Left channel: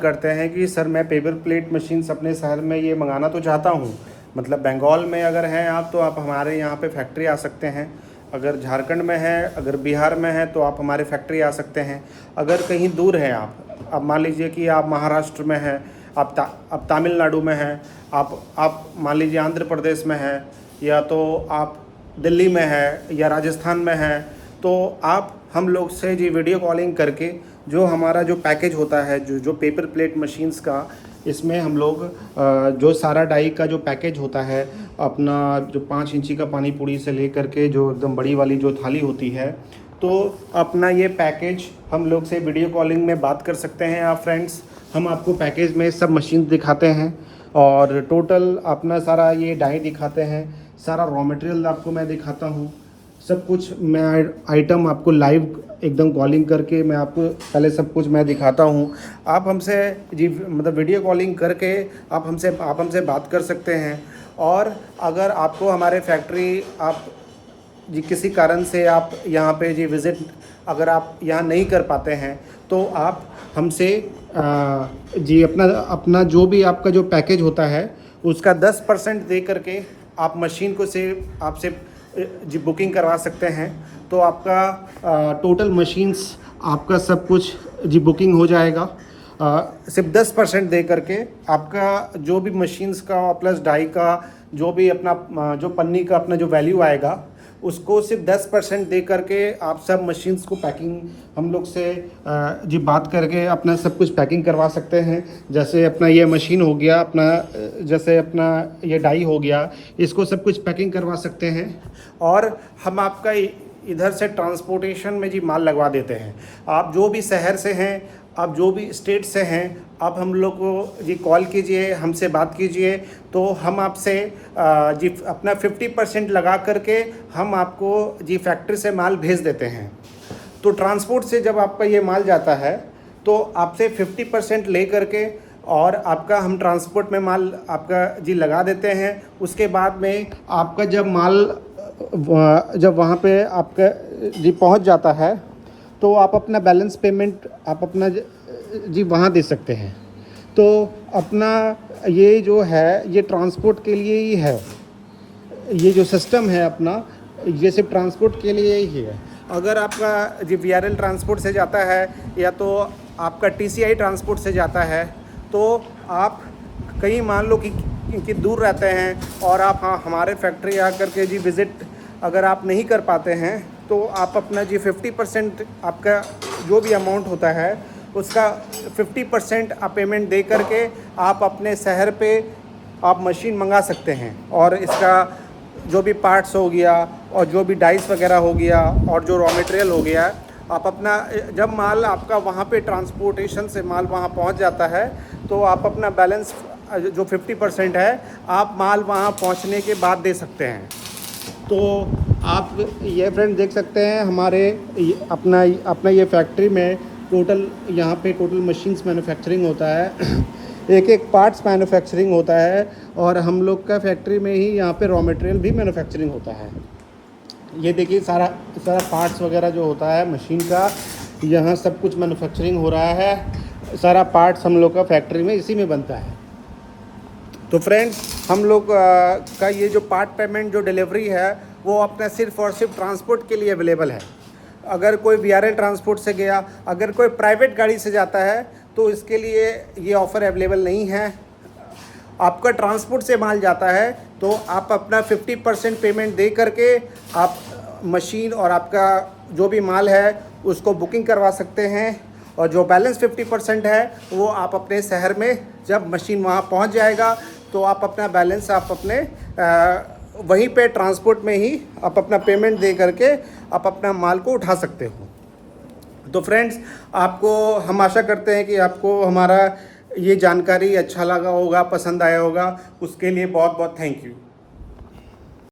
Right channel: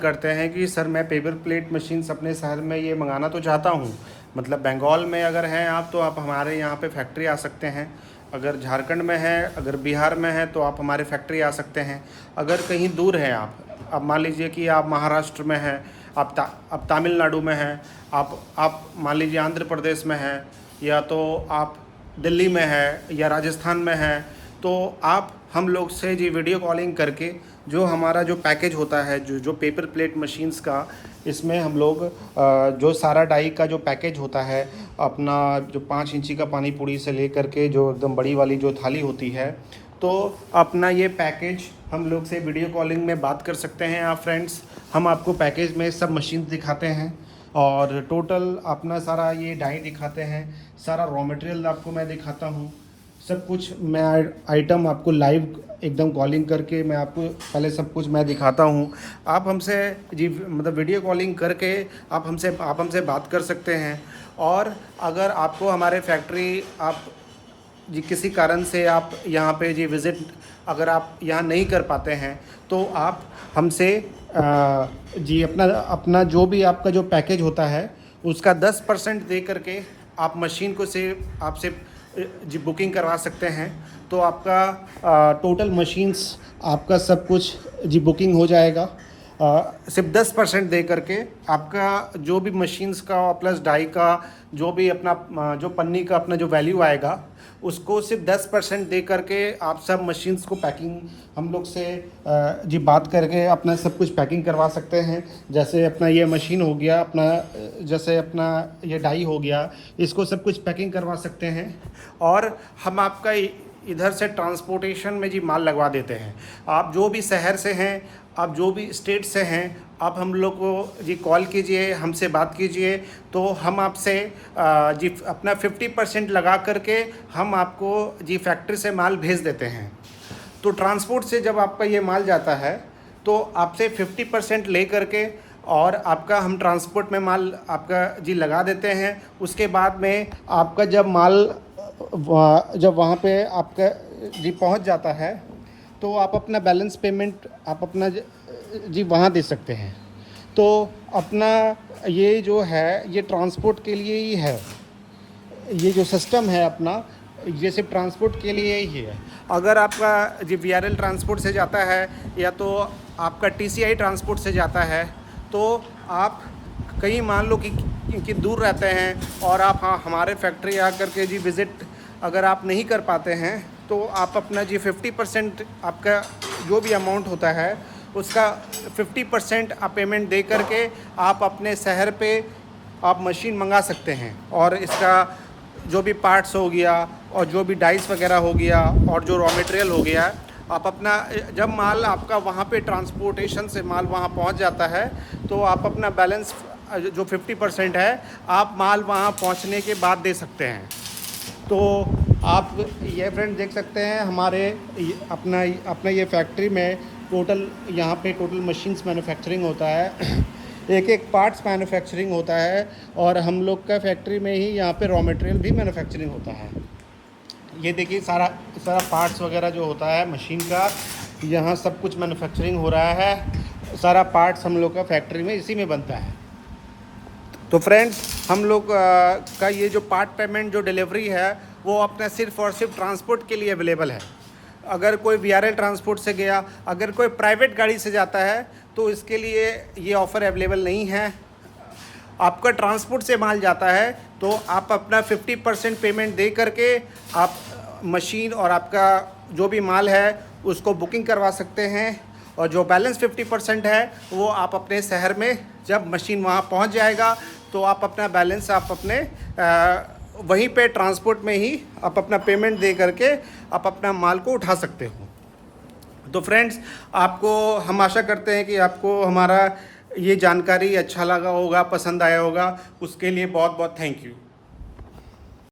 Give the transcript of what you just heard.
करते हैं कि सर मैं पेपर प्लेट मशीन्स अपने शहर में ये मंगाना तो चाहता हूँ, मतलब बंगाल में अगर हैं आप तो आप हमारे यहाँ पे फैक्ट्री आ सकते हैं। अगर झारखंड में है, अगर बिहार में है तो आप हमारे फैक्ट्री आ सकते हैं। अगर कहीं दूर हैं आप, अब मान लीजिए कि आप महाराष्ट्र में हैं, आप तमिलनाडु में हैं, आप मान लीजिए आंध्र प्रदेश में हैं, या तो आप दिल्ली में है या राजस्थान में है, तो आप हम लोग से जी वीडियो कॉलिंग करके जो हमारा जो पैकेज होता है, जो पेपर प्लेट मशीन्स का, इसमें हम लोग जो सारा डाई का जो पैकेज होता है, अपना जो 5 इंची का पानी पूरी से लेकर के जो एकदम बड़ी वाली जो थाली होती है, तो अपना ये पैकेज हम लोग से वीडियो कॉलिंग में बात कर सकते हैं आप फ्रेंड्स। हम आपको पैकेज में सब मशीन दिखाते हैं और टोटल अपना सारा ये डाई दिखाते हैं, सारा रॉ मटेरियल आपको मैं दिखाता हूँ, सब कुछ मैं आइटम आपको लाइव एकदम कॉलिंग करके मैं आपको पहले सब कुछ मैं दिखाता हूँ। आप हमसे जी मतलब वीडियो कॉलिंग करके आप हमसे बात कर सकते हैं। और अगर आपको हमारे फैक्ट्री आप जी किसी कारण से आप यहाँ पे जी विज़िट अगर आप यहाँ नहीं कर पाते हैं तो आप हमसे जी अपना जो भी आपका जो पैकेज होता है उसका 10% दे करके आप मशीन को से आपसे जी बुकिंग करवा सकते हैं। तो आपका टोटल मशीन्स आपका सब कुछ जी बुकिंग हो जाएगा। सिर्फ 10% दे करके आपका जो भी मशीन्स का प्लस डाई का जो भी अपना जो पन्नी का अपना जो वैल्यू आएगा उसको सिर्फ 10% दे करके आप सब मशीन्स को पैकिंग हम लोग से जी बात करके अपना सब कुछ पैकिंग करवा सकते हैं। जैसे अपना ये मशीन हो गया, अपना जैसे अपना ये डाई हो गया, इसको सब कुछ पैकिंग करवा सकते हैं। और हम आपका इधर से ट्रांसपोर्टेशन में जी माल लगवा देते हैं। आप जो भी शहर से हैं, आप जो भी स्टेट से हैं, आप हम लोग को जी कॉल कीजिए, हमसे बात कीजिए, तो हम आपसे जी अपना 50% लगा करके हम आपको जी फैक्ट्री से माल भेज देते हैं। तो ट्रांसपोर्ट से जब आपका ये माल जाता है तो आपसे 50% ले करके और आपका हम ट्रांसपोर्ट में माल आपका जी लगा देते हैं। उसके बाद में आपका जब माल जब वहाँ पे आपका जी पहुँच जाता है तो आप अपना बैलेंस पेमेंट आप अपना जी वहाँ दे सकते हैं। तो अपना ये जो है ये ट्रांसपोर्ट के लिए ही है, ये जो सिस्टम है अपना ये सिर्फ ट्रांसपोर्ट के लिए ही है। अगर आपका जी VRL ट्रांसपोर्ट से जाता है या तो आपका TCI ट्रांसपोर्ट से जाता है, तो आप कहीं मान लो कि दूर रहते हैं और आप हमारे फैक्ट्री आकर के जी विज़िट अगर आप नहीं कर पाते हैं तो आप अपना जी 50% आपका जो भी अमाउंट होता है उसका 50% आप पेमेंट दे करके आप अपने शहर पे आप मशीन मंगा सकते हैं। और इसका जो भी पार्ट्स हो गया और जो भी डाइस वगैरह हो गया और जो रॉ मटेरियल हो गया, आप अपना जब माल आपका वहाँ पे ट्रांसपोर्टेशन से माल वहाँ पहुँच जाता है तो आप अपना बैलेंस जो 50% है आप माल वहाँ पहुँचने के बाद दे सकते हैं। तो आप ये फ्रेंड देख सकते हैं हमारे अपना ये फैक्ट्री में टोटल यहाँ पे टोटल मशीन्स मैन्युफैक्चरिंग होता है, एक पार्ट्स मैन्युफैक्चरिंग होता है और हम लोग का फैक्ट्री में ही यहाँ पे रॉ मटेरियल भी मैन्युफैक्चरिंग होता है। ये देखिए सारा पार्ट्स वगैरह जो होता है मशीन का, यहाँ सब कुछ मैन्युफैक्चरिंग हो रहा है। सारा पार्ट्स हम लोग का फैक्ट्री में इसी में बनता है। तो फ्रेंड्स हम लोग का ये जो पार्ट पेमेंट जो डिलीवरी है वो अपना सिर्फ और सिर्फ ट्रांसपोर्ट के लिए अवेलेबल है। अगर कोई VRL ट्रांसपोर्ट से गया, अगर कोई प्राइवेट गाड़ी से जाता है तो इसके लिए ये ऑफ़र अवेलेबल नहीं है। आपका ट्रांसपोर्ट से माल जाता है तो आप अपना 50% पेमेंट दे करके आप मशीन और आपका जो भी माल है उसको बुकिंग करवा सकते हैं। और जो बैलेंस 50% है वो आप अपने शहर में जब मशीन वहाँ पहुँच जाएगा तो आप अपना बैलेंस आप अपने वहीं पे ट्रांसपोर्ट में ही आप अपना पेमेंट दे करके आप अपना माल को उठा सकते हो। तो फ्रेंड्स आपको हम आशा करते हैं कि आपको हमारा ये जानकारी अच्छा लगा होगा, पसंद आया होगा। उसके लिए बहुत बहुत थैंक यू।